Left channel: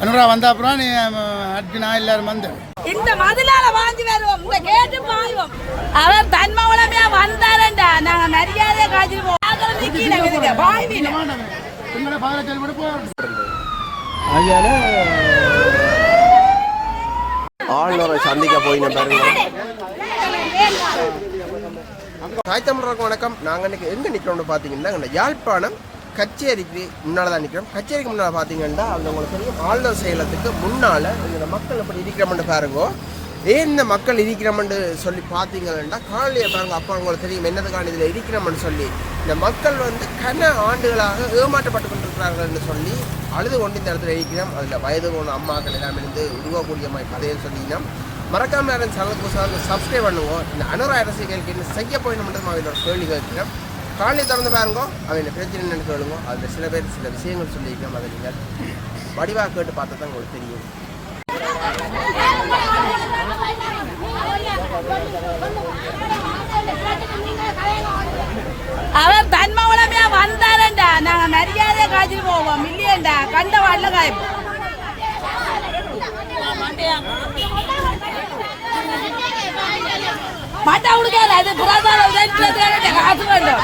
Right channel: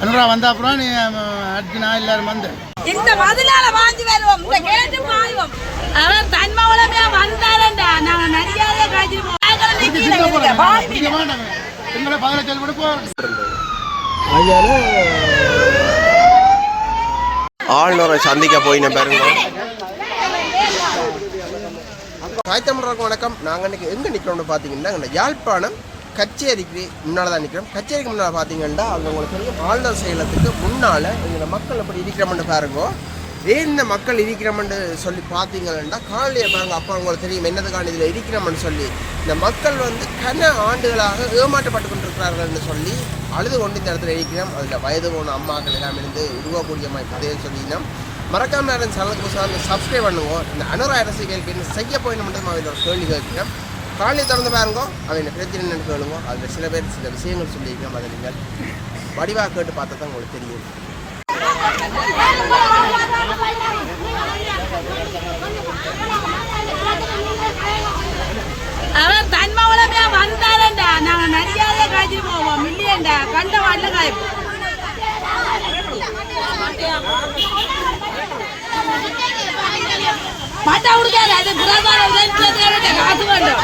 அனுரா வந்த அப்புறம் நீ அர்ஜுனா எல்லாரும் வந்து. இந்த மதுளால வாங்கி வருவோம் இந்த கேட்டு பாய்வோம். அவன் தன்மை உலமையா வந்தாரண்டா நாங்க சொல்லி கொடுப்போம் ஆளுநரை சந்திக்க போயின பாருங்க தாய் தமிழருக்கு வணக்கம். நாங்கள் இன்னைக்கு எங்கே நிற்கிறோம்னு பார்த்தீங்கன்னா யாழ்ப்பாணம் கச்சேரிக்கு முன்னால் தான் நிற்கிறோம் கச்சேரிக்கு முன்னால் பார்த்தீங்கன்னா அதில் உங்களுக்கு தெரியும் ஆழ்ந்த செயலத்துக்கு முன்னால் இந்த மக்கள் எப்படி இருக்கிறோம்னு பாருங்க. ஏன் இந்த மக்கள் இருக்கிறோம்னு சொல்லி பார்த்தீங்கன்னா காலையை பாருங்க அப்பா உங்களுக்கு தெரியும் என்னதுக்கான இதில் இருக்கிறோம்னு சொல்லி. இந்த மக்கள் வந்து கன ஆண்டுகளாக ஏமாற்றப்பட்டு கொண்டிருக்கிறார்கள்னு சொல்லி அழுது கொண்டு இந்த இடத்துல இருக்கிறோம். அதில் வயது போன அம்மாக்கள் எல்லாம் இருந்து உருவக்கூடிய மாதிரி கதையை சொல்லினோம். மறக்காம யாரும் சேனலுக்கு புதுசாக சப்ஸ்கிரைப் பண்ணுவோம் இந்த அனுரா அரசியலுக்கு என்ன செய்ய போயிடணும்ன்றது மட்டும் ஒரு கேள்வி கேட்கிறோம். காலையில் திறந்து பாருங்க. அவன் பிரச்சனை என்னன்னு கேளுங்க. அதில் சில பேர் சில விஷயங்கள் சொல்லியிருக்கோம் அதை நீங்கள் வடிவாக கேட்டு பார்த்தா தான் உங்களுக்கு தெரியும். அவன் தன்மை உலமையா வந்தாரண்டா நாங்க நிறைய மில்லியன்டா கண்ட வாட்டில காய்ப்போம் மட்டை உடுக்காது அது புறாதான் காசு வேண்டும்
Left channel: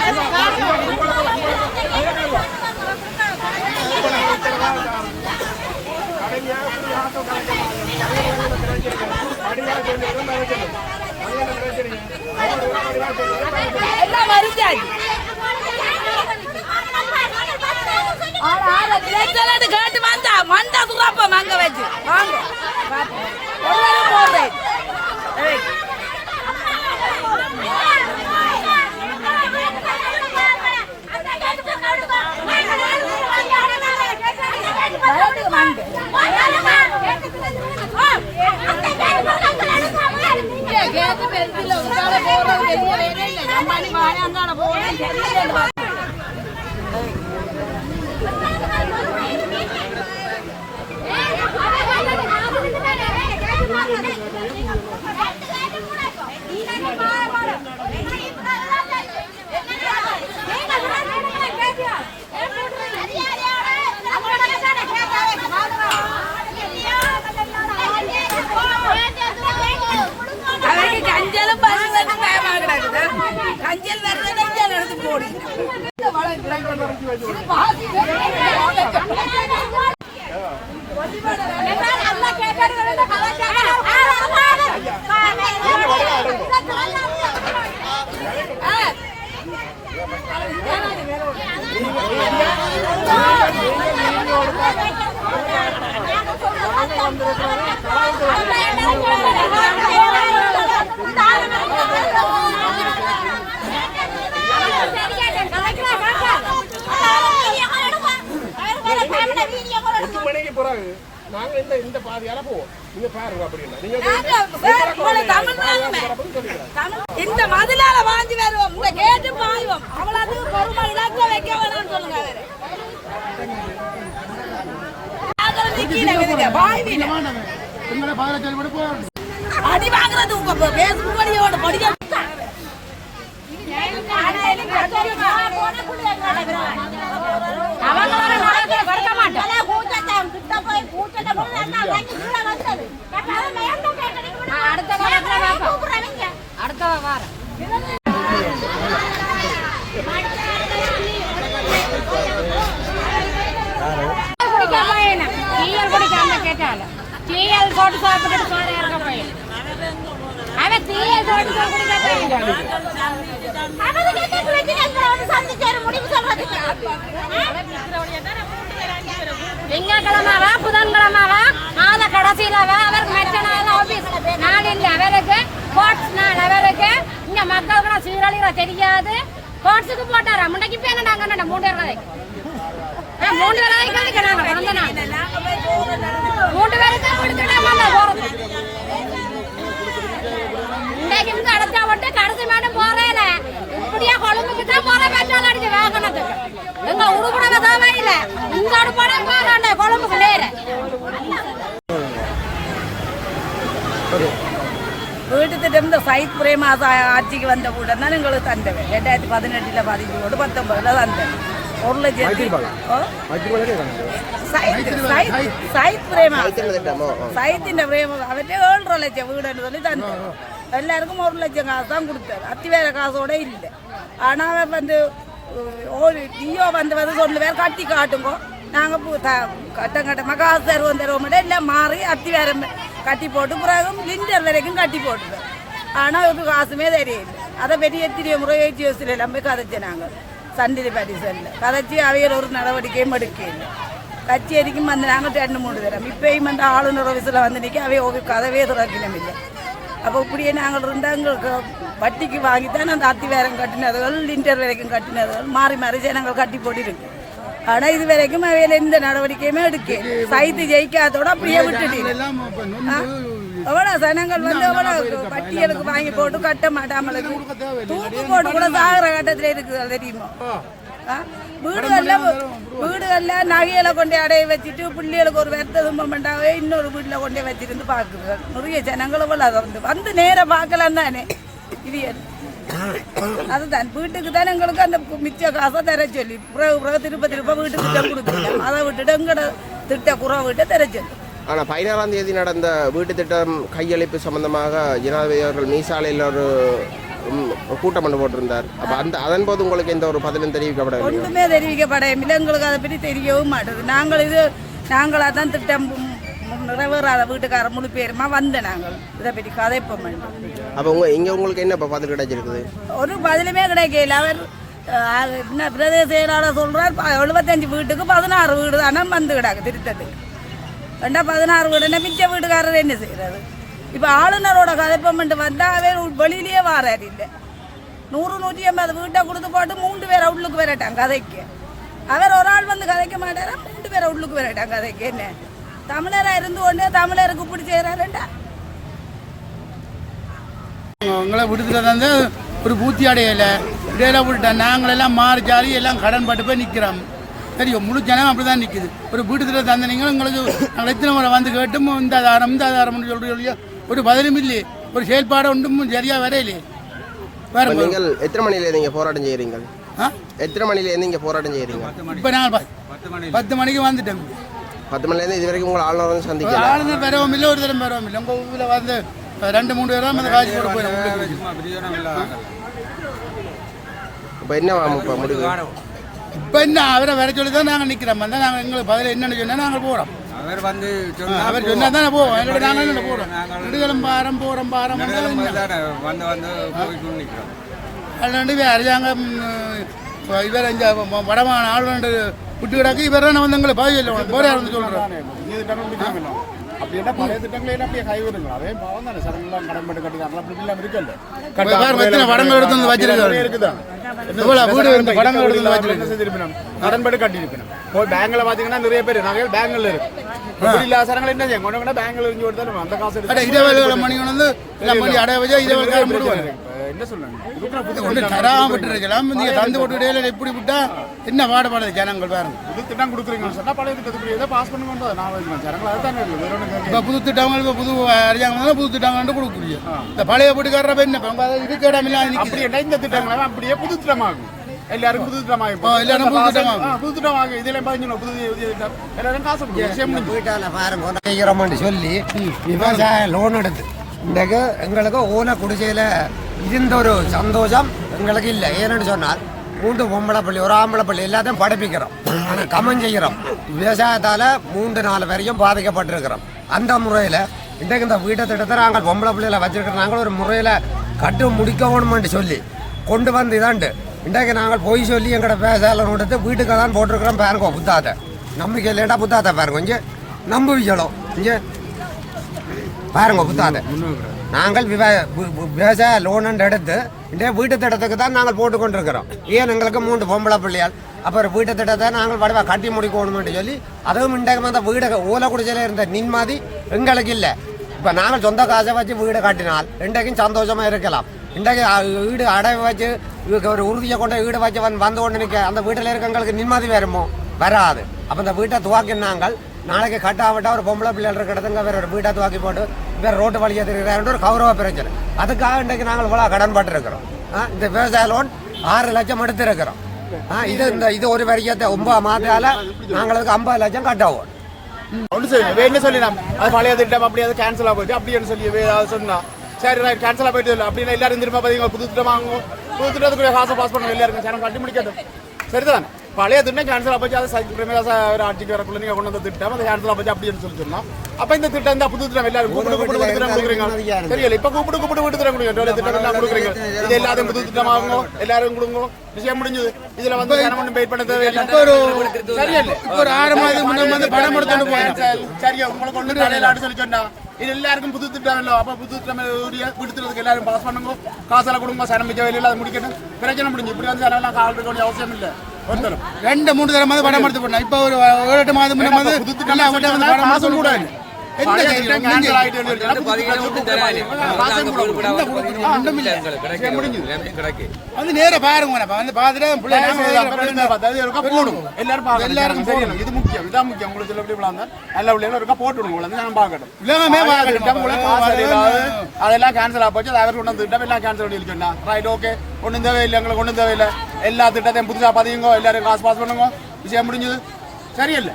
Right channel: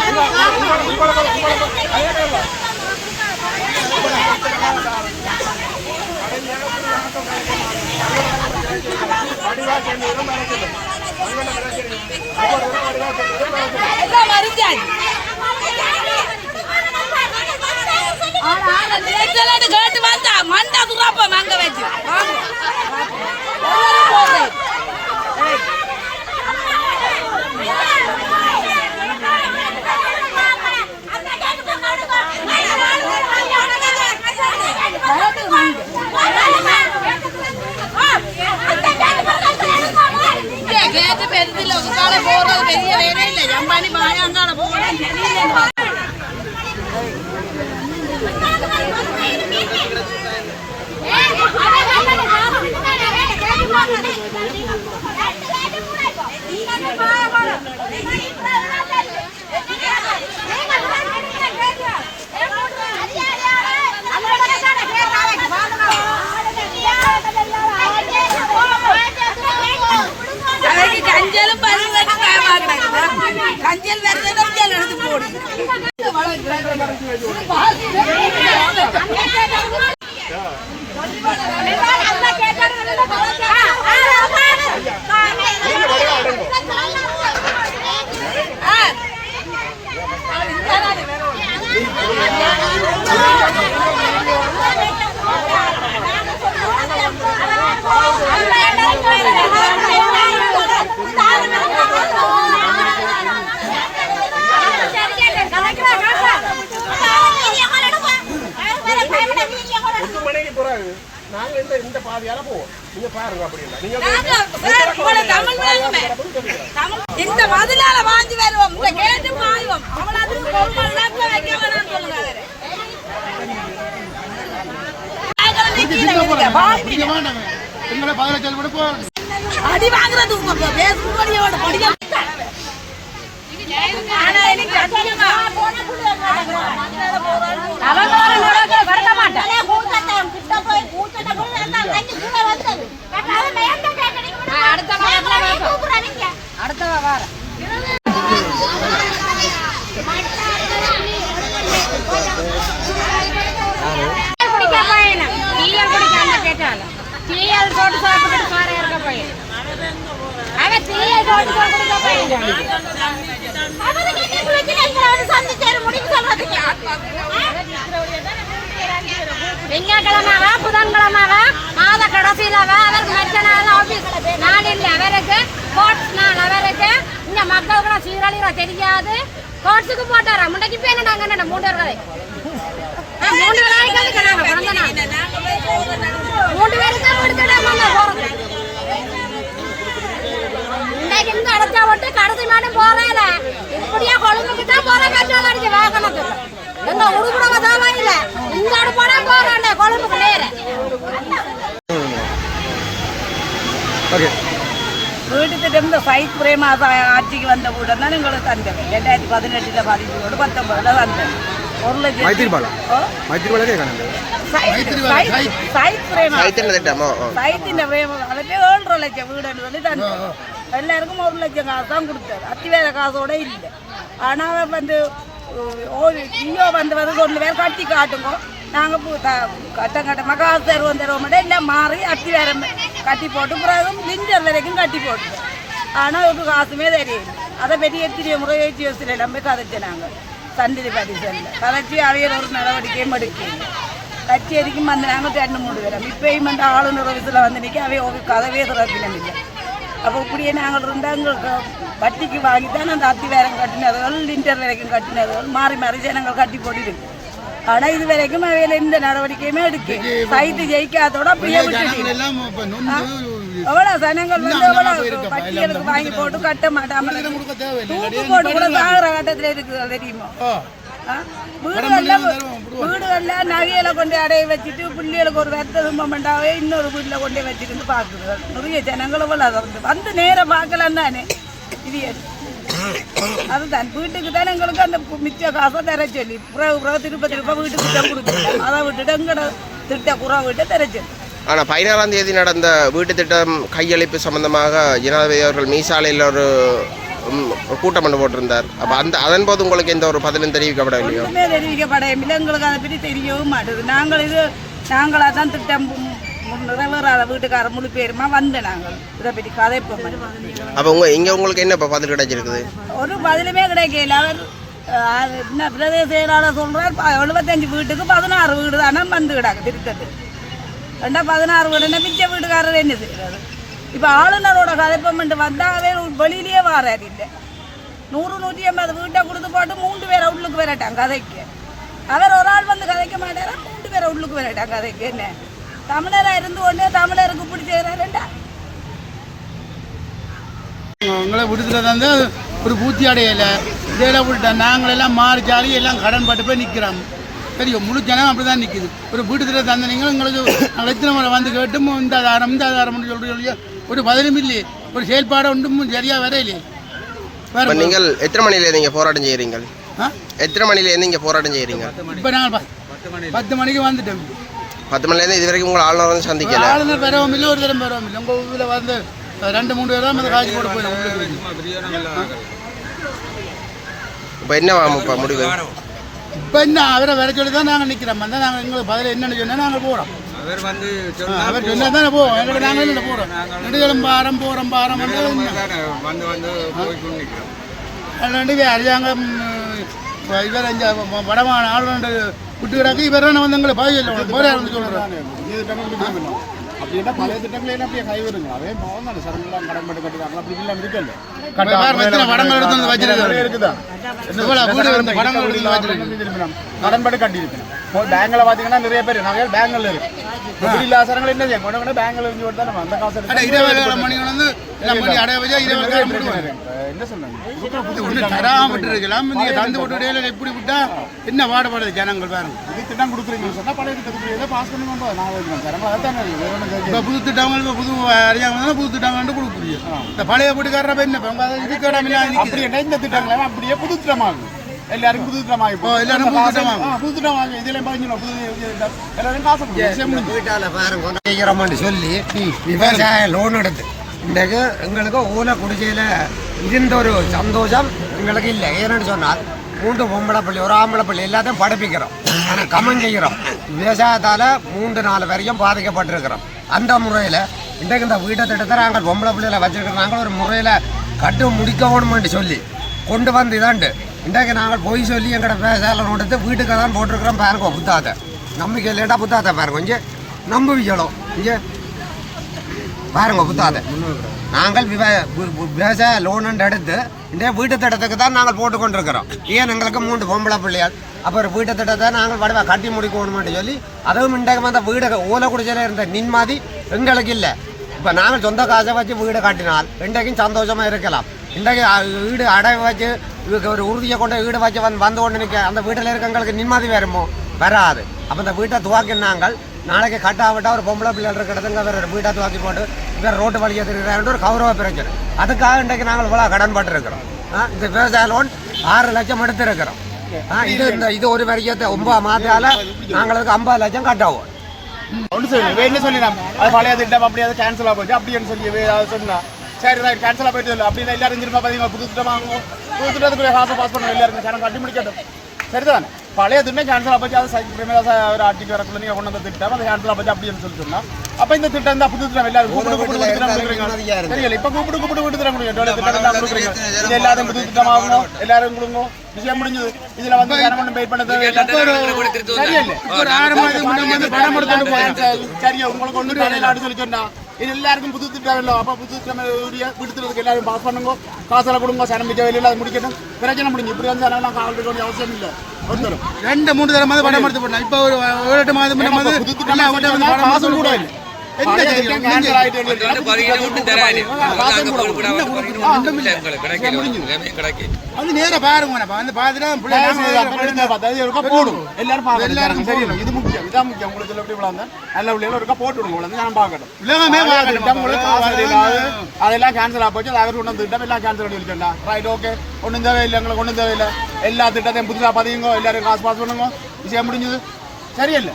எல்லாம் கேட்டு வந்தா மண்டா குறாப்ப மங்க வச்சு போடுறேன் கேட்டு பெருதில்ல உட்கார போறது பெரிய வேலை இல்லை எம்பானி பாயாங்கான போறேன் சரியில்லை அவைக்கு கஞ்சலும் பருவம் பயமா கிடக்குது கஞ்சல் வருதுன்னு எடுத்து போடு பத்து மணிக்கு பிறகு நாங்க இந்த இந்த பாதையால போவோம். நீங்க பாருங்க அப்படின்னா நீங்க இந்த மதுளால வாங்கி வருவோம். இந்த கேட்டு பாய்வோம். அவ்வளவு வைக்க வேணாம்னு சொல்லுங்க. எங்களை பதில சொல்லி கொடுப்போம் அடி வாங்குறது உங்க பேசும் வழியோட படிக்க ஆனா எனக்கு கஷ்டமா. அவங்களோட நடக்க வரக்க மாட்டேன் அடுத்த வாரம் டீயல் குடிக்காம கேட்டாலும் டீயல் போட்டு சாப்பிட்டுட்டு பாரு இருக்க போயிடும் அவன் டீயல் போட்டு குடிக்க போயிடும் திங்கக்கிழமாவ புதன்கிழமாவ மாத கடைசியில் அவருக்கு மற்ற நாள் ஆபீஸ் நாள் இல்லை அவருக்கு கோட்ஸ் நாள் அவருக்கு இந்த மக்களுக்கு சீரழிற தெரியாது. கோட்ஸுக்கு போட்டார்? முன்னைக்கு போய் என்ன நாங்க மூணு கதை மூணு கதைக்கு நாங்க பேருக்கு போறது. இன்னைக்கு இருந்து அடைச்சா விட்டு கடைசி மேடம் போறேன் இப்படியே கொழும்புக்கு தான் போற பெட்ரோல் அடிச்சு வாகனத்துக்கு. எங்க உருகுறவ தான் இல்ல உங்களோட படம் போறாண்ட கொழும்புக்கு நேரம் வீட்டு திட்டம் இந்த சைத் பிரேமாத ஆட்சிக்கு வந்த உடன் தான் எங்களுக்கு தந்தேன் ரெண்டாயிரத்தி பதினெட்டில் பதினஞ்சோடு பத்தொம்பதில் தந்தேன் ஒரு லட்சம் சைத் பிரேமா சைத்தின் பிரேம அவர்கிட்ட ஏழரை லட்சம் வீடுன்னு சொல்லி தந்தேன் எல்லாருக்கும் ஒரு லட்சம் காசு தான் கொடுத்தாரு அத்தி வேலை காசோட இல்லை ஆனால் வந்து ஜியோ வந்து வந்து ஒன்று பேர் கட்டி காட்டுங்க நாங்கள் பூ த கட்டம் கட்டமாக காசு தருவோம் தருவோம் மட்டும் எல்லாம் மாறி அத்தி வேற கட்டி போட்டு பிறகும் லிண்டர் வரைக்கும் கட்டி போட்டுது ஆனால் ஒரு காசுமே தெரியல அதை பற்றி எத்தனை முறை ஏற்றி வச்சுல நம்ம கதைச்சு நாங்கள் சண்டிலி பதிசல்ல கதைச்சி அவையில் ஒரு நடவடிக்கையும் எடுக்கல கச்சேரிக்கும் வந்து நாங்கள் ரெண்டு மூணு பேரும் இப்பயும் வந்து ஆளுநர் ஆஃபீஸில் வந்து நிற்க அவை ஒரு கதவே திறக்கணும் இல்லை அப்போ இப்படியே நாங்கள் இருந்தால் எங்களுக்கு வட்டிக்கு வாங்கி தான் அந்த அத்தி வேரம் கட்டினதுகள் லிண்டர் வரைக்கும் கட்டினதுகள் மாறி மாறி ஜனங்கள் கட்டி போட்டிருக்கு. ஆனால் இது வரைக்கும் அவையில் எந்த நடவடிக்கையுமே எடுக்க சைத்து ஜெயிக்காதோட அப்படியே விட்டுட்டு எல்லாம் இப்ப நொந்து எவ்வளோ சனங்கள் வந்து எவ்வளோ பட்டியலுக்கு வாங்கி போட்டு கட்ட மாட்டாமல் தூக்கு போட்டு கூட சாகுற கட்டத்தில் இருக்குது தெரியுமா? வீடுகள்ல வீடுகள்ல நகையில கொண்டு அடைய வச்சுட்டு பிள்ளைகளுக்கு ஒரு வெத்த துன்பம் பண்ணாவே இன்னொரு வீட்டில் கொண்டு வச்சிருந்து பார்க்குது. நிறைய ஜனங்களும் வந்து. வந்து நேராக பார்க்கலாம் தானே. இது? அதுதான் வீட்டுக்கு தான் எங்களுக்கு அந்த மிச்ச காசை தர சொல்லி பிறகு பிறகு திருப்ப திருப்ப வீட்டுக்கு தான் கொடுத்துருக்கோம் அதை விட்டுட்டு எங்கட திட்ட குறை விட்டு தர சொல்லி ஆனா பதினாறாம் தேதி நடந்த வீட்டு திட்டம் கையளிப்பு சம்பந்தமாக ஜனாதிபதி அவர்கள் மீசாலையில் ஒரு கூட்டம் ஒன்று போட்டிருந்தார் அப்ப அந்த அதன் போது உங்களுக்கு எந்த ஒரு பதிலும் தெரிவிக்கப்படவில்லையோ ஒன்றுமே தெரிவிக்கப்படையமில்லை எங்களுக்கு அதை பற்றி தெரியவும் மாட்டேது நாங்கள் இது நாங்களாக தான் திட்டம் நிறைவேறாத வீட்டுக்கார முழு பேருமா வந்த நாங்கள். இதை பற்றி கதைப்போம் அப்ப உங்க இங்க உங்களுக்கு என்ன இப்ப பதில் கிடைச்சிருக்குது? ஒரு பதிலுமே கிடைக்கல. அவர் அது என்ன பிரதேச செயலாளர் சொல்கிறார் எழுபத்தஞ்சு வீட்டுக்கு பதினாறு வீடு தானே வந்து கிடாக்கு திருத்தட்டு ரெண்டா பதினாறு வீடுன்னா மிச்ச வீட்டுக்காரர் என்ன செய்கிறது இப்போ ஆளுநரோட கதைப்பமெண்ட் வந்தால் அவர் வெளியிலேயே வாரார் இல்லை. நூறு நூற்றி ஐம்பது வீட்டை கொடுத்து போட்டு மூன்று பேரை உள்ளுக்கு வரட்டாங்க கதைக்கு. அவர் ஒரு ஆள் வந்து கதைக்க மாட்டாரா? மூன்று பேரை உள்ளுக்கு வரட்டாங்க கதைக்கு. என்ன? தமிழராக இருந்து கொண்டு தமிழருக்கு இப்படி செய்கிறாருண்டா உங்களை விடுதலை தந்து ஒரு பூத்தி அடையலை. இடையில விட்டேன் நாங்களெல்லாம் மாறி ஜாரி எல்லாம் கடன் பட்டு போய் நிற்கிறோம் தெரியும் முழு ஜனம் அப்படி தான் நிற்குது ஒரு வீட்டுல தந்தனீங்க உங்களுக்கு நாங்கள் எத்தனை முறை வந்து கேட்டும் இந்த ஆதாரம் இந்த ஆதாரம்னு சொல்லி சொல்லி ஒரு பதிலும் இல்லையே. ஒரு செயல்பாடு ஒன்றும் சரியாக வரையிலே வேற நீங்கள் எத்தனை மணில நீங்க போராட்டம் செய்யறீங்க? ஆ? எத்தனை மணில இருந்து இங்க போராட்டம் செய்யறீங்க? இப்போ நாங்கள் பத்து மணிக்கு வந்துட்டோம். பத்து மணில இருந்து இது வரைக்கும் உங்களை ஆளுநர் வந்து சந்திக்கல. ஆளுநர் பெறவும் இல்லை ஒரு தரம் பெறவும் இல்லை. உங்கள் ஊரில் வந்து ரெண்டு மூணு பேர் தான் வந்து காய்ச்சி போட்டு போயிடும். உங்களுக்கு. இப்ப என்ன இப்ப முடிவு? இப்போ என்ன? அவரை வர சொல்லி தான் நாங்கள் நிற்கிறோம் வந்தால் நாங்கள் எங்களுக்கு பதில் என்னென்னு சொன்னால் நாங்கள் போகிறோம் அவர் வந்து அவர் சொன்னால் தானே போவோம். என்னோட நாங்கள் என்ன போகிறோம் நெடுகளும் பாரம் போகிறோம் பாரம் வந்து வந்து அரசாங்கம் இவர் வடமான ஆளுநர் விட்டு கிடக்கு இவர் தான் வந்து எங்களை பதில் சொல்லணும் போகிறாருன்னு சொல்கிறாங்க புதிய திட்டங்கள் கொடுக்கணும் அப்படின்னா பழைய திட்டங்களை அப்படியே கைவிடுங்க அதே பாவம் தானே. சரங்கெல்லாம் கடன் பட்டு கட்டிக்காங்களா அப்படி இல்லாமல் எத்தனை படங்கள் எடுத்து வந்து. இருக்குதான் கடன் போய் பேங்க்ல பாத்தீங்கன்னா நிறைய பேர் நிறைய பேங்க்ல இருக்கு. இப்படி இல்லாத சரங்களை என்ன செய்யும் கொண்டு கொண்டு பேங்க்ல இருந்து கொடுத்தா நம்ம அந்த காசு எடுத்து இருபது மணி வந்து அடைய வச்சா இருபது என்ன சொல்றாங்க? இப்படி விட்டா என்ன பாடுபாடு ஜனங்கள் பாருங்க. புது திட்டம் கொடுக்குறீங்கன்னு சொன்னா பழைய திட்டத்துக்கு ஏதோ பாஸ் பண்ணுங்க நான் சரங்களை அதான் இல்லை புது திட்டங்களுக்கு புது அரசாங்கம் புது திட்டங்கள் கொடுக்குறீங்க இந்த பழைய வீட்டுக்காரர என்ன? இப்போ உங்க இது கேடாமல் அப்படி என்ன? இந்த திட்டங்களை அப்படியே புது திட்டமாகும். புதிய திட்டம் எல்லாரும் காசு கொடுங்க விஷயம் முடிஞ்சு செய்கிறோம்னு சொல்லி விவசாய லோன் எடுத்து இன்றைக்கு எங்களுக்கு ஓலை குடிசையில் இருந்த ஒரு சந்தோஷம் எங்களுக்கு இல்லை ஏன்னு சொன்னால் மூன்று பொம்பளை பள்ளி ஒரு ஆம்பளை பள்ளி எல்லாத்தையும் படிப்பிக்கிறோம் ஆனால் கமன் செய்கிறோம் விவசாயத்தால் மூன்று நாலு வரைக்கும் பாதிக்கப்பட்டிருக்கிறோம் அந்த முறையில் இன்றைக்கு இந்த வீட்டை திட்டத்தை நாங்கள் பொம்பளை பிள்ளைகளை வச்சிருக்கிற நாங்கள் ஒரு முறையில் கட்டு முடிக்கணும்னு சொல்லி கொண்டு வந்து இதாண்டு இன்றைக்கு நாங்கள் போய் சொல்லி எங்களோட விவசாயம் கொடுத்து வீட்டுக்கு தான் போட்டிருக்கிறோம் பாருங்க புத்தாத்தை நம்பிக்கை இல்லைட்டா புத்தாத்தை பாருங்க இங்கே நம்புவிக்கணும் இங்கே பாருங்க புத்தாத. நாங்கள் விவ- விவசாய லோன் எடுத்து இந்த வீட்டு திட்டத்துக்கு தான் நாங்கள் போட்டு கொண்டிருக்கிறோம். ஏன் எங்களுக்கு மூன்று பொம்பளை பிள்ளையால் அப்புறம் வீட்டு திட்டத்தை நாங்கள் வடவா கட்டி முடிக்கணும்னு சொல்லி அதுவும் இன்றைக்கு வந்த வீடு ஊல குடிச்சல இருந்த நின்மாதி எங்களுக்கு இல்லை. இப்போ நாங்கள் சொந்த காசை வச்சு வீடு கட்டினால் இன்றைக்கும் சந்தோஷமாக இருக்கலாம். இன்றைக்கு வீடு அடை வச்சு இதுக்கு ஒரு உறுதியை கொண்டு வீடு வச்சு வந்து வந்து கொண்டு நிற்க அந்த வீட்டில் இருக்கவங்களுக்கு நிம்மதி வருமோ வராது. அப்போ இந்த வீட்டை துவாக்கினாங்கள் நாளைக்கு கட்டாவிட்டா ஒரு பொம்பளை பிள்ளைகள் இருக்கிறதுங்க வேற ஒரு வீட்டை துவாக்கி போட்டு வேறு ரோட்டு வழியை தெரியுறாரு ஒரு கௌரவ பிரச்சனை. அதுக்காக இன்றைக்கு நாங்கள் இவ்வளோ கடன் பட்டிருக்கிறோம் ஆ, இந்த விவசாய லோன் ஆறு லட்சம் எடுத்திருக்கிறோம். ஆ, இது இந்த இது ஒரு வரைக்கத்தை ஒன்பது மாதத்தால நாங்களுக்கு ஐம்பது லட்சம் கட்டாகும் ஒன்று சொல்லி வேணும் நம்ம அது பழைய திட்டம் அப்படி அது கேன்சல் போயிட்டு அப்படின்னு சொல்லி அது சொன்னா. சரி ரைட் கேன்சல் போயிட்டு இல்லை அப்படின்னு எல்லாரும் திரும்ப பார்த்தீங்க புது திட்டம் வாங்குவோம். புது திட்டத்துக்குரிய காசை பாஸ் பண்ணணும். எல்லாருக்கும் ஜனம் கட்டி முடிக்கட்டும். சரிதான்? பழைய திட்டம் கேன்சல் போச்சு. அது பிரேமதாச ஒரு ஆட்சிக்கு வரக்குள்ள நீங்கள் கொண்டு வந்த திட்டம். அது கேன்சல் போச்சு அப்படின்னு சொல்லி சொன்னோம். அப்போ இந்த திட்டம் இந்த புது திட்டம். எல்லாரும் கூப்பிட்டு கூப்பிட்டு விட்டு திட்டம் கொடுக்குறீங்க. தெரியல. இப்போ கூப்பிட்டு கூப்பிட்டு விட்டு திட்டம் கொடுக்குறீங்க டோலி திட்டம் எல்லாம் கொடுக்குறீங்க. இது எல்லாத்தையும் புது திட்டம் வாங்குங்க எல்லாரும் கொடுங்க. விஷயம் முடிஞ்சது. இதுல வந்து ஒன்றும் வெயிட் பண்ண தேவையில்லை. கொடுத்துட்டு போயிடும். சரியா உங்களுக்கு ஒண்ணு தலையில ஆடு சொல்லி சொன்னா இது எல்லாருக்கும் புது திட்டம் இல்லை அப்ப புது திட்டம் விடுத்துறதுக்கு எல்லாரும் பாஸ் பண்ணுங்க காசெல்லாம் கொடுங்க சனம் மிச்ச வெளியில அதை முடிக்கட்டும் பிரச்சனை முடிஞ்சு இப்படி வந்து சனம் கால் இருக்க வேண்டிய அவசியம் இல்லை ஒருத்தரும் ரெண்டு மூணு தடவை மாதிரி பணம் எடுத்து போட்டோம் இப்போ ஒரு ஒரு எட்டு மாதம் புது திட்டம் காசும் கூட இல்லை வந்து நேரா பாருங்க வந்து பார்த்துட்டு போடும் எல்லாரும் பார்க்கணும் ஜனங்க. சரியில்லை இது முக்கியம். இதான் முக்கியம். உங்களுக்கு இதுல எப்படி விளாந்த நல்ல பிள்ளைகள் ஒருக்கா போட்டு விடுங்க உங்களை நான் பழைய திட்டம். உங்களுக்கு காசு இல்லாது அதெல்லாம் கேன்சல் ஆக போச்சு. அது அவர் கொண்டு வந்த திட்டம் எல்லாம் கேன்சல் பண்ணி வச்சுட்டா ரைட் ஓகே ஒன்றும் தேவையில்லை. எங்களுக்கு ஒன்றும் தேவையில்லை. எல்லா திட்டத்தையும் புதுசாக பதியுங்க. எல்லாரும் காசு பாஸ் பண்ணுங்க. விஷயம் முடிஞ்சது. சரியில்லை.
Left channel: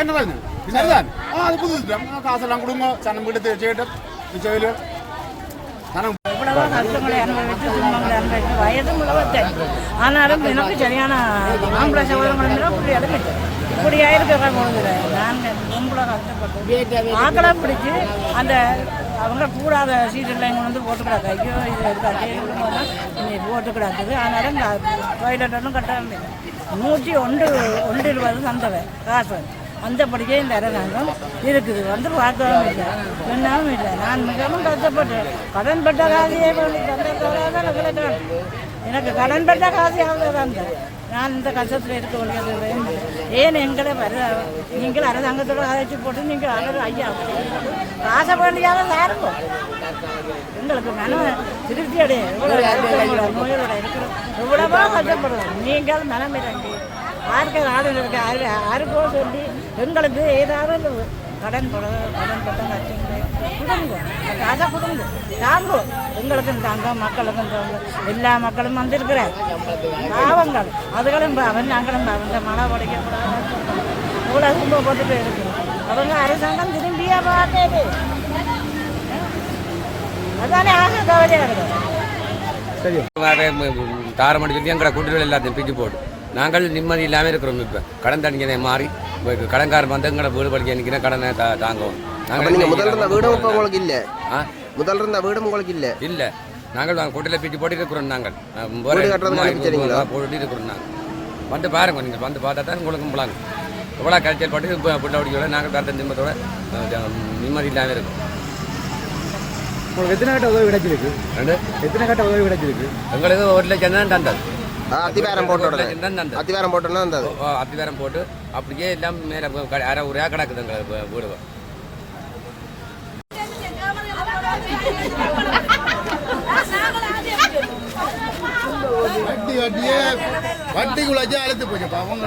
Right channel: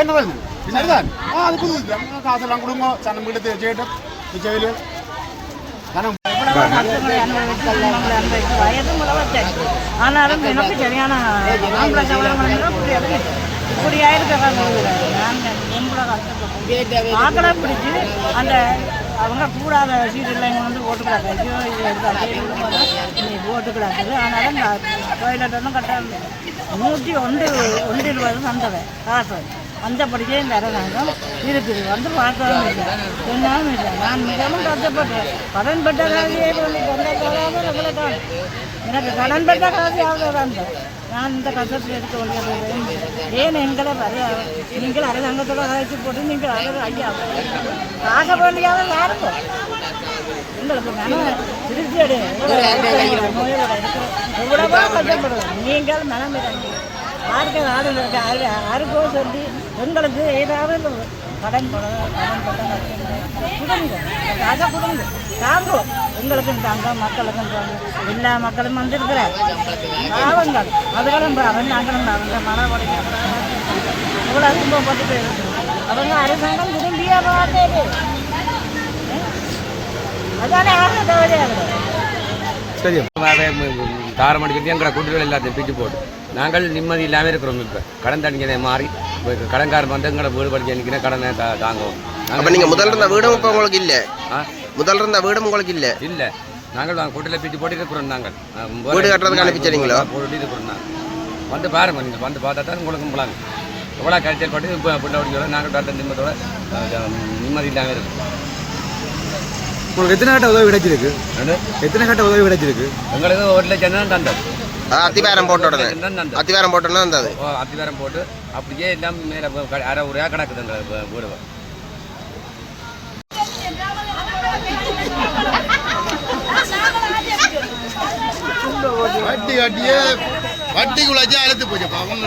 என்ன வருது சரிதான் ஆ அது புது காசெல்லாம் கொடுங்க சனம் வீடு செய்யட்டும் செவிலியல் சனம் இவ்வளவோ கஷ்டங்களை அனுபவிச்சு துன்பங்களை அனுபவிச்சு வயது முழவத்தேன் ஆனாலும் எனக்கு சரியான ஆம்பளை சவரங்கள் இப்படி எடுக்குது இப்படி கஷ்டப்பட்டு ஆக்களை பிடிச்சி அந்த அவங்க கூடாத சீட்டில் இங்கே வந்து போட்டுக்கிறாங்க ஐயோ இது எடுக்காது இன்னைக்கு போட்டுக்கிறாக்குது ஆனாலும் டாய்லெட் ஒன்றும் கட்டாது நூற்றி ஒன்று ஒன்று இருபது வந்தவை காசு அந்த இந்த அரசாங்கம் இருக்குது வந்து பார்க்கவும் இல்லை. என்னாலும் இல்லை. நான் மிகவும் கஷ்டப்பட்டேன். கடன் பட்ட காசியே வந்து எனக்கு கடன் பட்ட காசியாவது தான். நான் இந்த கஷ்டத்தில் இருக்க வேண்டியது ஏன் எங்களை வர நீங்கள் அரசாங்கத்தோட அழைச்சி போட்டு நீங்கள் அவர் ஐயா காசை வேண்டியாத யாருக்கும்? எங்களுக்கு மன திருப்தி அடைய இவ்வளோ நோயோட இருக்கிற எவ்வளவோ கஷ்டப்படுவோம் நீங்கள் மனம் இறங்கி யாருக்கு ஆடு இருக்கு யாரு யாருக்கோ சொல்லி எங்களுக்கு ஏதாவது கடன் கடன் பட்டம் கொடுங்க காசை கொடுங்க தாங்கோ எங்களுக்கும் தாங்க மக்களுக்கும் தாங்க எல்லா மக்களும் வந்திருக்கிறார். பாவங்கள். அதுகளும் பாவம் நாங்களும் பாவங்க மழை படைக்க இவ்வளோ துன்பப்பட்டுட்டு இருக்கு அவங்க அரசாங்கம் திரும்பியா பார்த்தாரு அதானே ஆக கவலையாகுது தாரமடி வரைக்கும் எங்களை எல்லாத்தையும் பிச்சு போட்டு நாங்கள் நிம்மதி இல்லாமல் இருக்கிறோம் இப்போ. கடன் தணிக்கனை மாறி. இப்போ கடன்காரன் வந்து எங்களை வீடு படிக்க நிற்கிற கடனை தா தாங்குவோம். அப்ப நீங்க முதல்ல இருந்த வீடும் இப்ப உங்களுக்கு இல்ல? ஆ? முதல்ல இருந்த வீடும் உங்களுக்கு இல்ல? இல்லை. நாங்கள் குட்டியில் பிச்சு போட்டு இருக்கிறோம் நாங்கள். வீடு கட்டுறதுக்கு அனுப்பிச்சிடுறீங்களா? போட்டு இருக்கிறோம் நாங்கள். வந்து பாருங்க நீங்கள் வந்து பார்த்தா தான் உங்களுக்கு போலாங்க எவ்வளோ கரைச்சல் போட்டு இப்போ பிள்ளை ஓடிக்கோட நாங்கள் பார்த்த நிம்மத்தோட நிம்மதி இல்லாமல் இருக்கு உங்களுக்கு எத்தனை கட்ட உதவி கிடைச்சிருக்கு? எத்தனை கட்ட உதவி கிடைச்சிருக்கு? எங்களுக்கு ஒரு லட்சம் தான் தந்தது ஆ, அத்திவாரம் போட்ட உடனே அத்திவாரம் போட்ட உடனே வந்தது ஓ, அத்திவாரம் போட்டு அப்படியே எல்லாம் மேலே அரை உரையாக கிடக்குது எங்களுக்கு வீடு வட்டி வட்டியே வட்டிக்குள்ள வச்சு அழுத்து போச்சுப்பா அவங்க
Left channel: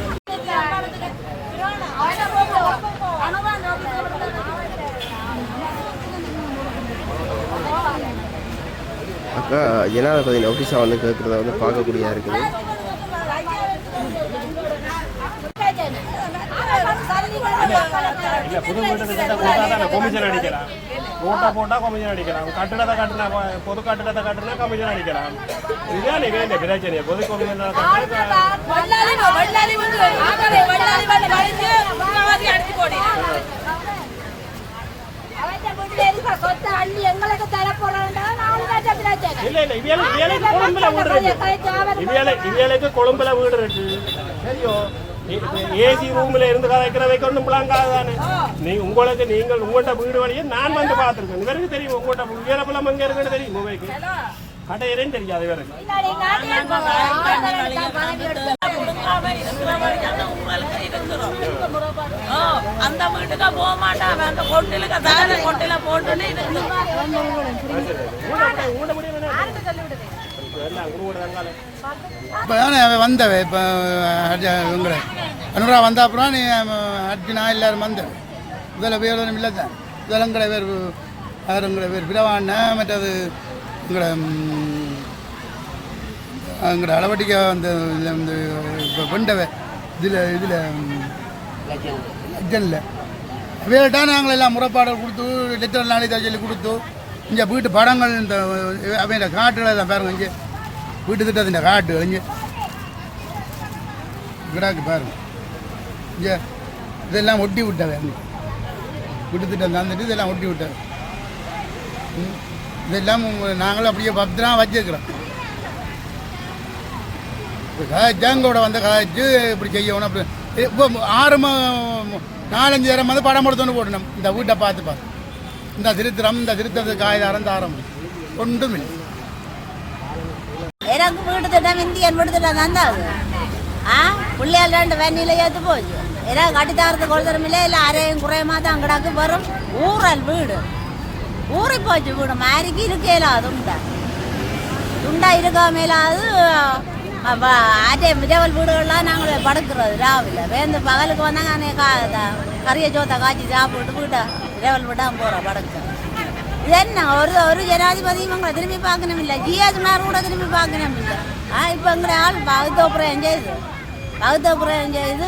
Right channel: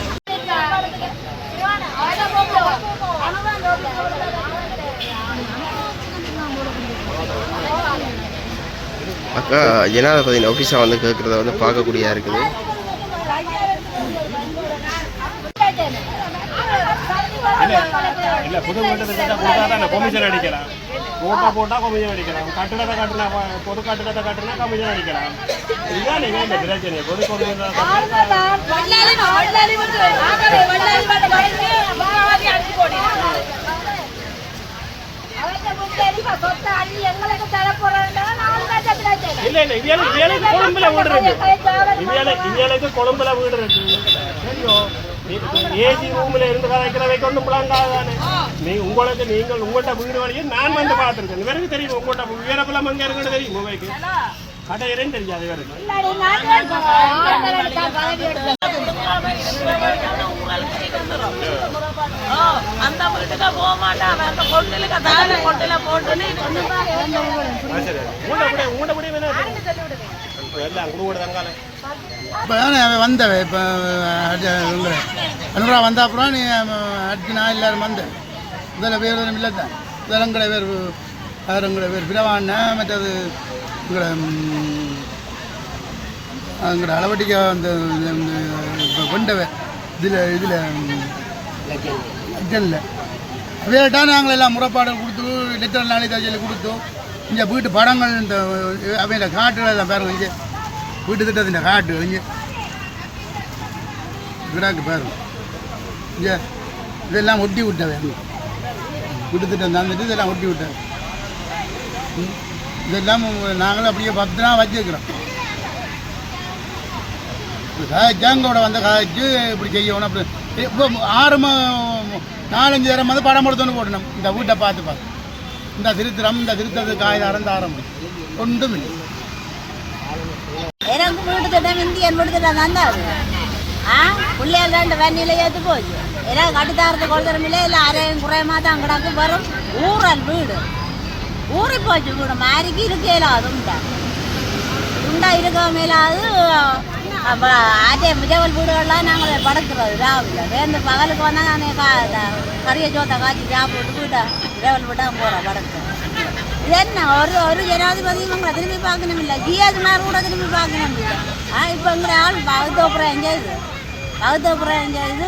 அக்கா ஜனாதிபதி ஆஃபீஸாக வந்து கேட்கறத வந்து பார்க்கக்கூடியா இருக்குது. கமிஷன் அடிக்கலாம் ஓட்டா போட்டா கமிஷன் அடிக்கலாம் கட்டடத்தை கட்டினா பொது கட்டடத்தை கட்டினா கமிஷன் அடிக்கலாம் இதுதான் நீங்க இந்த பிரச்சனை பொது கமிஷன் கட்டினா தர போறாங்க நாலு லட்சம் பிரச்சனை இல்ல இல்ல இவியலுக்கு இவியலுக்கு கொழும்புல வீடு இருக்கு வீடு இருக்கு சரியோ ஏசி ரூம்ல இருந்து கதைக்கிறதைக்கு ஒன்றும் பிளாங்காதானே நீ உங்களுக்கு நீங்கள் உங்கள்கிட்ட வீடு வழியே நான் வந்து பார்த்துருக்கேன் இவருக்கு தெரியும் உங்கள்கிட்ட வீரபலம் அங்கே இருக்குன்னு தெரியும் உங்களுக்கு கடையிலேயும் தெரியாது இவருக்கு இல்லாடி நாட்டில் ஆளுநர்களுக்கு பதவி அந்த வீட்டுக்கு போக மாட்டான். அந்த கொட்டிலுக்கு கொட்டில போட்டுன்னு இப்போ அவன் வந்தவ இப்போ அனுரா வந்த அப்புறம் நீ அர்ஜுனா எல்லாரும் வந்த. இதில் பேர் ஒன்றும் இல்லை தான் இதில் எங்களை பேர் வேறு எங்களை பேர். பிரவாண்ண மற்றது எங்களை எங்களை அளவட்டிக்க அந்த இந்த வந்து இப்போ கொண்டவ இதில் இதில் லட்சனில் அவையிட்டா நாங்கள் எல்லாம் முறைப்பாடு கொடுத்து லெட்டர் நாளை சொல்லி கொடுத்தோம். இங்கே வீட்டு படங்கள் இந்த அவையோட காட்டுகளை தான் பாருங்கள் இங்கே. வீட்டு திட்டத்தின் காட்டு இங்கே. கிடாக்கு பாருங்க. இங்கே இதெல்லாம் ஒட்டி விட்டவை. வீட்டு திட்டம் தந்துட்டு இதெல்லாம் ஒட்டி விட்டாங்க இதெல்லாம் நாங்களும் அப்படியே பத்திரமா வச்சுருக்கிறோம். இப்போ வந்த காய்ச்சி இப்படி செய்யணும் அப்படி. இப்போ ஆறு மா நாலஞ்சு தரம் வந்து படம் எடுத்துன்னு போடணும். இந்த வீட்டை பார்த்து பார்த்து இந்த திருத்திரம் இந்த திருத்தத்துக்கு காய்தாரம் தாரம் ஒன்றும் இல்லை. எனக்கு வீட்டு திட்டம் இந்தியன் வீடு திட்டம் தந்தாது ஆ? பிள்ளைகள் ரெண்டு வண்டியில் ஏற்று போச்சு ஏதாவது கட்டித்தாரத்துக்கு ஒருத்தரும் இல்லை இல்லை அரையும் குறையமா தான் கிடக்கு வரும் ஊரல் வீடு. ஊறி போச்சு வீடு. மாறிக்கு இருக்கையில அது உண்டா. உண்டா இருக்க மேலாது அதே மிதவல் வீடுகள்லாம் நாங்கள் படுக்கிறது ராவில். வேந்து பகலுக்கு வந்தால் நாங்கள் கா கறிய கறியை சோத்தை காய்ச்சி சாப்பிட்டு வீட்டை இரவல் வீட்டாக போகிறோம் படுக்க. என்ன? ஒரு ஒரு ஜனாதிபதி இவங்களை திரும்பி பார்க்கணும் இல்லை ஜிஎஸ்மார் கூட திரும்பி பார்க்கணும் இல்லை ஆ இப்போ எங்களை ஆள் பகுத்தோப்புறம் செய்யுது பகுத்தோப்புறம் செய்து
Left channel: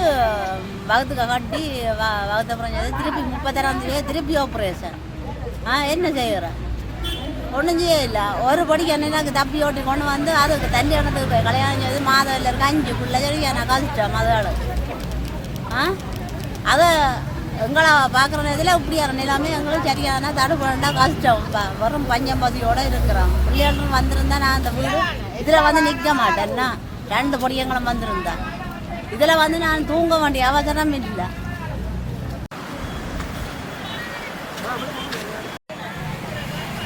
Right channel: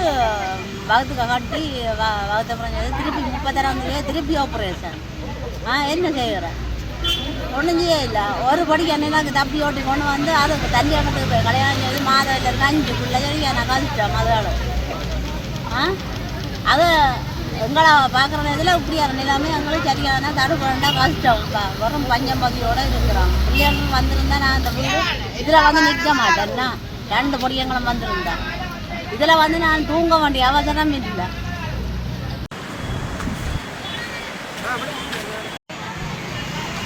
பகுத்துக்க கட்டி வ- பகுத்தோப்புறம் செய்து திருப்பி முப்பத்தாறாம் தேதி திருப்பி ஆப்ரேஷன் ஆ என்ன செய்கிறேன் ஒன்றும் செய்ய இல்லை. ஒரு படிக்கு எனக்கு தப்பி ஓட்டி கொண்டு வந்து அதுக்கு தண்ணி ஒன்றதுக்கு கல்யாணம் செய்து மாதம் இல்லை அஞ்சு பிள்ளை நான் கழிச்சேன் மதாள் ஆ? அது எங்களை பார்க்குற இதில் இப்படியான நிலைமை. எங்களுக்கு சரியான தடுப்பு வேண்டாம் கஷ்டம் ப- வெறும் பஞ்சம்பதியோடு இருக்கிறோம். பிள்ளைகளும் வந்திருந்தா நான் அந்த வீடு இதில் வந்து நிற்க மாட்டேன்னா ரெண்டு பொடியங்களும் வந்திருந்தேன் இதில் வந்து நான் தூங்க வேண்டிய அவசரம் இல்லை.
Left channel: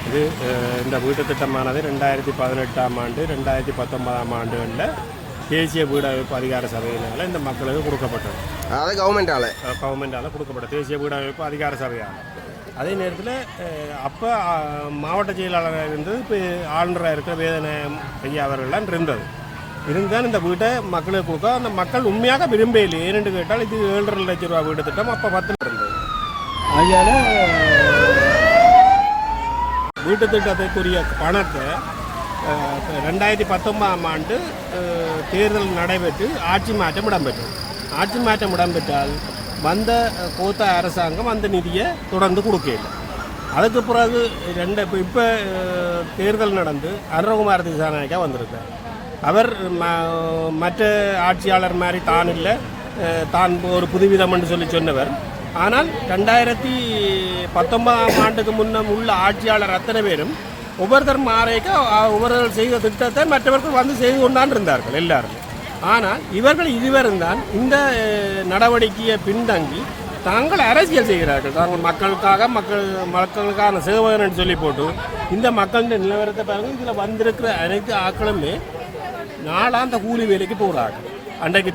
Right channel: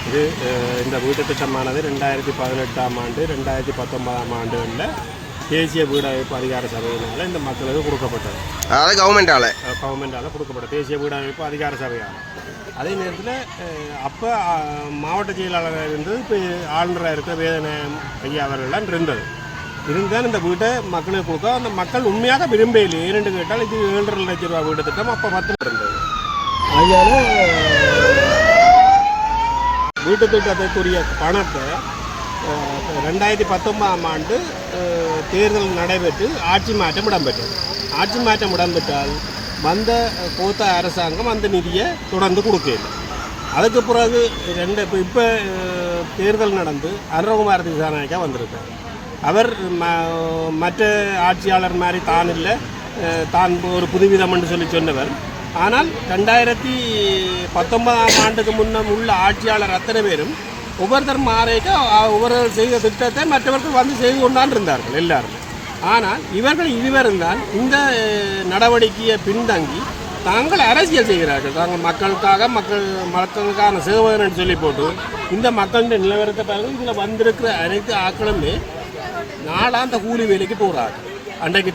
இது இந்த வீட்டு திட்டமானது ரெண்டாயிரத்தி பதினெட்டாம் ஆண்டு ரெண்டாயிரத்தி பத்தொன்பதாம் ஆண்டுகளில் தேசிய வீடமைப்பு அதிகார சபையினால் இந்த மக்களுக்கு கொடுக்கப்பட்டது. அதாவது கவர்மெண்டால கவர்மெண்டால் கொடுக்கப்பட்ட தேசிய வீடமைப்பு அதிகார சபையால். அதே நேரத்தில் அப்போ மாவட்ட செயலாளராக இருந்தது இப்போ ஆளுநராக இருக்கிற வேதனை ஐயா அவர்கள்லாம் இருந்தது. இருந்தாலும் இந்த வீட்டை மக்களுக்கு கொடுக்க அந்த மக்கள் உண்மையாக விரும்பவில்லை. ஏனென்று கேட்டால் இது ஏழரை லட்சம் ரூபா வீட்டு திட்டம் அப்போ பத்து இருந்தது. அதனால வீட்டு திட்டத்துக்குரிய பணத்தை ரெண்டாயிரத்தி பத்தொன்பதாம் ஆண்டு தேர்தல் நடைபெற்று ஆட்சி மாற்றம் இடம்பெற்றது. ஆட்சி மாற்றம் இடம்பெற்றால் வந்த அஹ், கோத்த அரசாங்கம் அந்த நிதியை தொடர்ந்து கொடுக்கல அதுக்கு பிறகு ரெண்டு இப்போ இப்போ தேர்தல் நடந்து அருணகுமார் திசாநாயக்கா வந்திருக்கார். அவர் ம- மற்ற ஆட்சியாளர் மாதிரி தான் இல்லை. தான் ஒரு புதுவிதம் என்று சொல்லி சொன்னவர். ஆனால் ரெண்டாயிரத்தி பத்தொன்பதாம் ஆண்டுக்கு முன்னம் உள்ள ஆட்சியாளர் அத்தனை பேரும் ஒவ்வொருத்தர் மாறைக்க ஒவ்வொருவர் செய்த திட்டத்தை மற்றவர்கள் வந்து செய்து கொண்டான் இருந்தார்கள் எல்லாருமே. ஆனால் இவர்கள் இருவரும் தான் இந்த நடவடிக்கையை பின்தங்கி தாங்கள் அரசியல் செய்கிறார்கள். தாங்கள் மக்களுக்காக மக்கள் மக்களுக்கான சேவகன் சொல்லி போட்டு இந்த மக்களின் நிலவரத்தை பாருங்கள். இதில் வந்திருக்கிற அனைத்து ஆக்களுமே நாளாந்த கூலி வேலைக்கு போகிறார்கள் அன்றைக்கு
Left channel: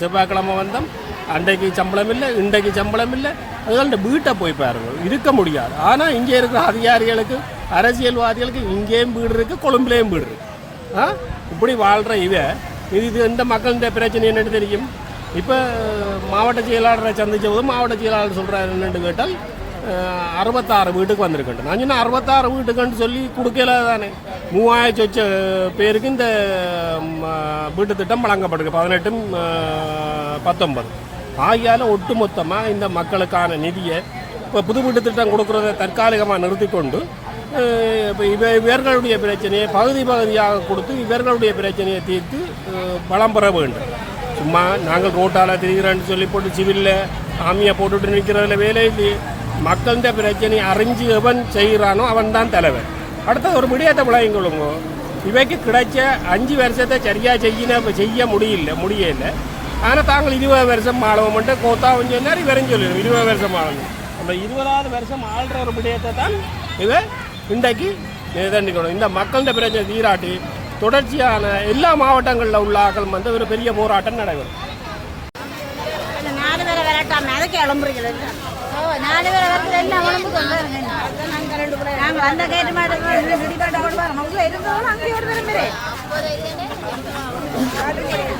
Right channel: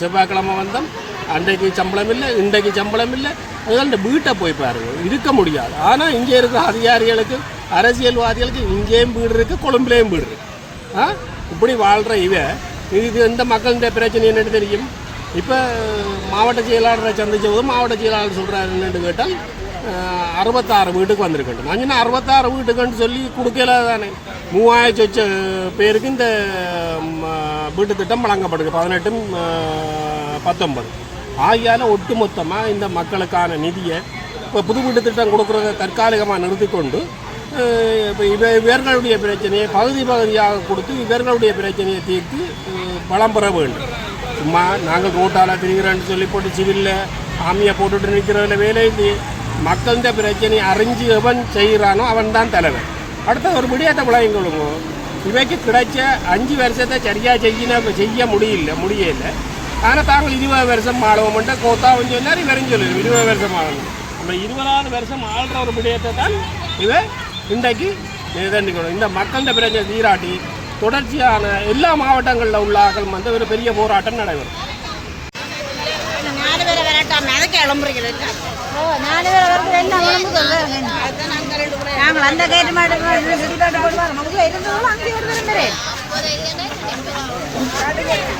செவ்வாய்க்கிழமை வந்தோம். அன்றைக்கு சம்பளம் இல்லை இன்றைக்கு சம்பளம் இல்லை அதனால இந்த வீட்டை போய் பாருங்க இருக்க முடியாது. ஆனால் இங்கே இருக்கிற அதிகாரிகளுக்கு அரசியல்வாதிகளுக்கு இங்கேயும் வீடு இருக்குது கொழும்புலேயும் வீடு இருக்கு. ஆ? இப்படி வாழ்கிற இவை இது எந்த மக்களுடைய பிரச்சனை என்னன்னு தெரியும்? இப்போ மாவட்ட செயலாளரை சந்தித்த போது மாவட்ட செயலாளர் சொல்கிறார் என்னென்னு கேட்டால் அறுபத்தாறு வீட்டுக்கு வந்திருக்கேன் நான் சொன்னேன் அறுபத்தாறு வீட்டுக்குன்னு சொல்லி கொடுக்கல தானே. மூவாயிரம் சொச்ச பேருக்கு இந்த வீட்டு திட்டம் வழங்கப்படுது. பதினெட்டும் பத்தொன்பது. ஆகியால ஒட்டுமொத்தமாக இந்த மக்களுக்கான நிதியை இப்போ புது வீட்டு திட்டம் கொடுக்குறத தற்காலிகமாக நிறுத்தி கொண்டு இப்போ இவ இவர்களுடைய பிரச்சனையை பகுதி பகுதியாக கொடுத்து இவர்களுடைய பிரச்சனையை தீர்த்து பலம் பெற வேண்டும். சும்மா நாங்கள் கோட்டால திரிகிறோன்னு சொல்லி போட்டு சிவிலில் ஆமியை போட்டுட்டு நிற்கிறதுல வேலை இல்லையே. மக்கள்கிட்ட பிரச்சனையை அறிஞ்சு எவன் செய்கிறானோ அவன் தான் தலைவன். அடுத்த ஒரு விடியாத்த விளையங்களுங்க இவைக்கு கிடைச்ச அஞ்சு வருஷத்தை சரியாக செய்யின செய்ய முடியல முடியல. ஆனால் தாங்கள் இருபது வருஷம் ஆளுவோம் மட்டும் கோத்தாவும் சொன்னார் இவரும் சொல்லுவோம் இருபது வருஷம் ஆளுங்க அந்த இருபதாவது வருஷம் ஆள்ற ஒரு விடயத்தை தான் இவ இன்றைக்கு நிர்ணயிக்கணும் இந்த மக்களின் பிரச்சனை தீராட்டி தொடர்ச்சியான எல்லா மாவட்டங்களில் உள்ள ஆக்கள் வந்து ஒரு பெரிய போராட்டம் நடைபெறும் நாலு பேரை.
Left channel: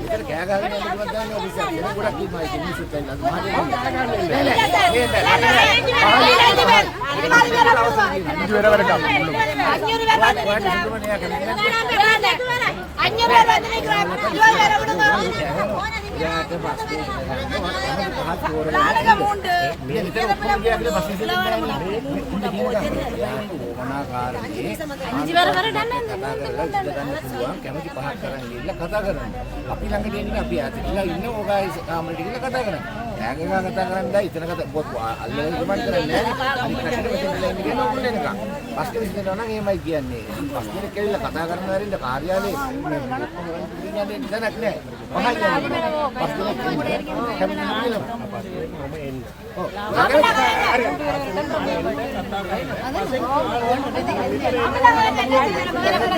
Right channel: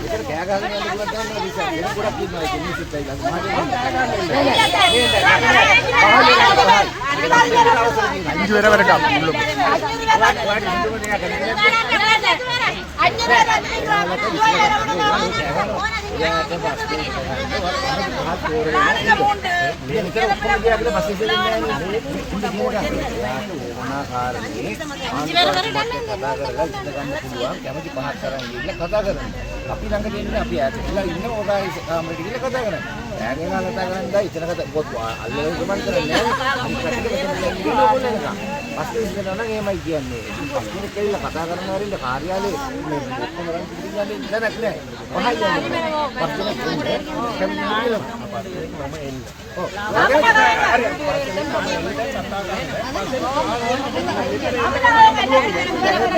ఇక్కడ బ్యాగ్ ఆగిన ఎందుకు వద్దాను అది సార్ నేను కూడా అప్పుడు మాకు ఎన్ని సిట్ అయ్యింది అది మాట వేరే వేరే కాదు එයාට බස්සේ ගහනවා තමයි පහත් තෝර වෙනවා මේ නිතර ඔක්කොම ගියාගල බස්සේ දෙන්නේ නැහැ එයාට ඕමනාකාරයේ කතා කරලා ඉඳ ගන්න පුළුවන් කැමති පහත් කරන් ඉන්න කතා කරන්න අපි ළඟ දෙන්නේ අපි ඈත ඉන්න ඉන්න ඕගායි කාමරේට ගිහින් කතා කරන්න ඈගෙන කතා කරන්නයි ඉතන කතා පොත් අල්ලලා ගමන් කරන්නේ නැහැ කියලා ඕගොල්ලෝ එනකම්. බස් කෙනෙක් ඉඳනවා නම් එහෙමයි කියන්නේ. බස් කෙනෙක් කැවිලා කතා කරන හැරෙන්න කාර්යාලයේ මේ ඔක්කොම රන් පිටින් යන්නේ දැනක් නැහැ. පහයි යන්නේ. බස් කෙනෙක් එන්නේ කැවිලා කියලා. මම එන්න. ඔව්. හරි.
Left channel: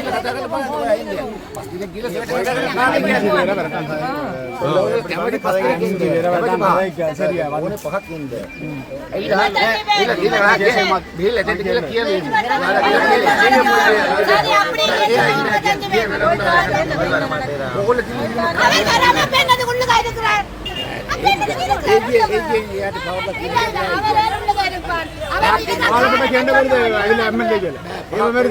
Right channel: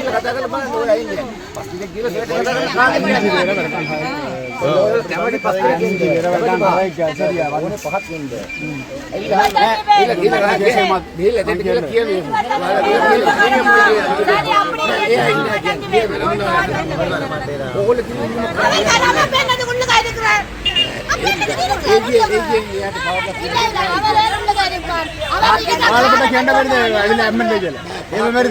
කතා කරලා බලන්න ඔය එන්නේ. බස් කෙනෙක් ගිහලා සෙට් කතා කරලා කාර්යාලයේ അതിന്റെ അമ്മ ചെയ്യല്ലേ இந்த மாதிரி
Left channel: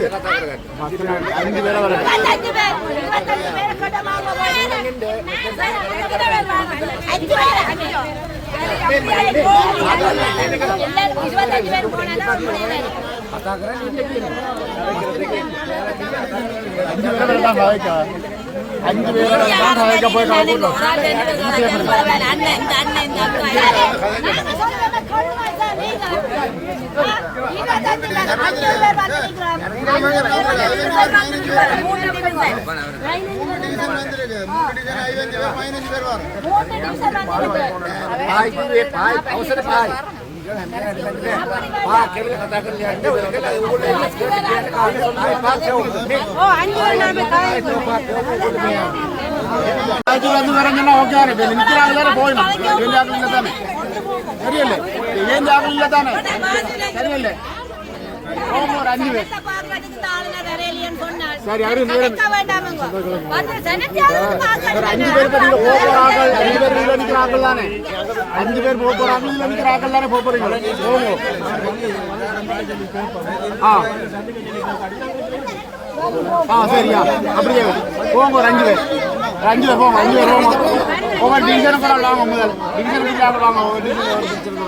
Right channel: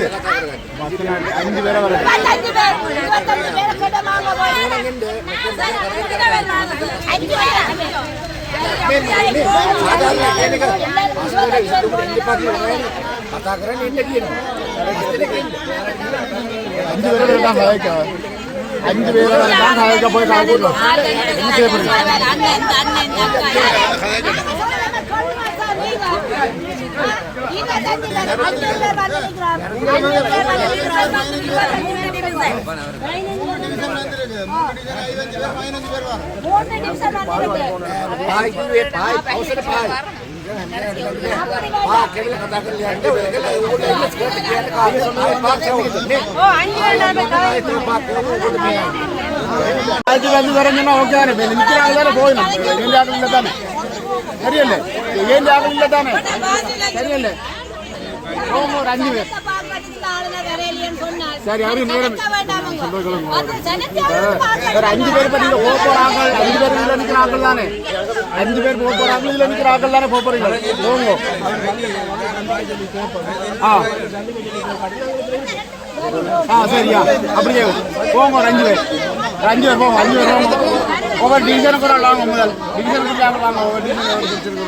அஞ்சு பேரை வர அஞ்சு பேரை வரலாம் பாய்க்கா அஞ்சு பேரை வரலாம் காய்க்க போய் காய் போட்டோம் පායි அதுக்கு வந்து வரணும்னா ஓகே போயிடும் சரியல்ல ஏன் ஆகல அஞ்சு பேர் அஞ்சு பேர் அஞ்சு பேர் போக போறாங்க இதுல நிற்கிறாங்க தானே போக போறீங்க போங்க ஆ சரியா அப்படியே போங்க ஒரு அஞ்சு பேர் அஞ்சு பேர் போங்க அஞ்சு பேர் போங்க ஒவ்வொரு டிவிஷன் கூட வாங்க முதல் டிவிஷன் கூட வாங்க ஒவ்வொரு டிவிஷன்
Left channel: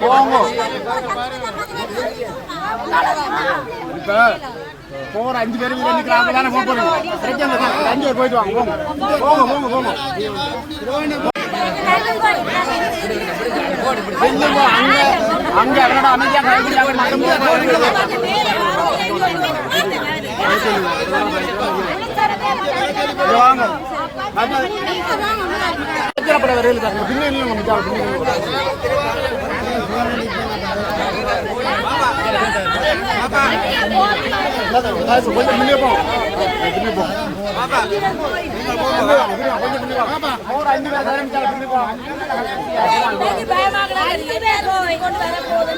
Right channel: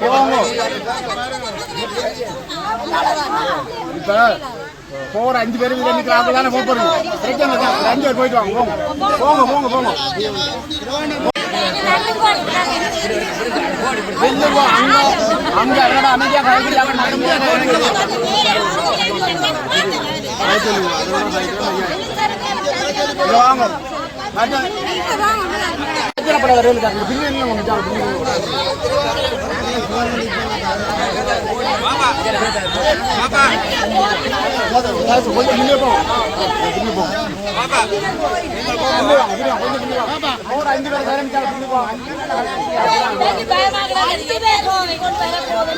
போங்க இப்ப போற அஞ்சு பேருக்கு வந்து நிற்கிறாங்க தானே போக போறீங்க பிரச்சனை இல்லை. ஒரு அஞ்சு பேர் போயிட்டு வாங்க போங்க. போங்க போங்க போங்க. அங்க என்னடா அமைதியா கலந்துட்டாங்க மட்டும் வாங்க பின்னாடி கொஞ்சம் முன்னே போங்க பின்னே போங்க பின்னே வாங்க பின்னே வாங்க கொஞ்சம் பின்னே வாங்க ஒரு அஞ்சு பேர் தரம் பின்னே போங்க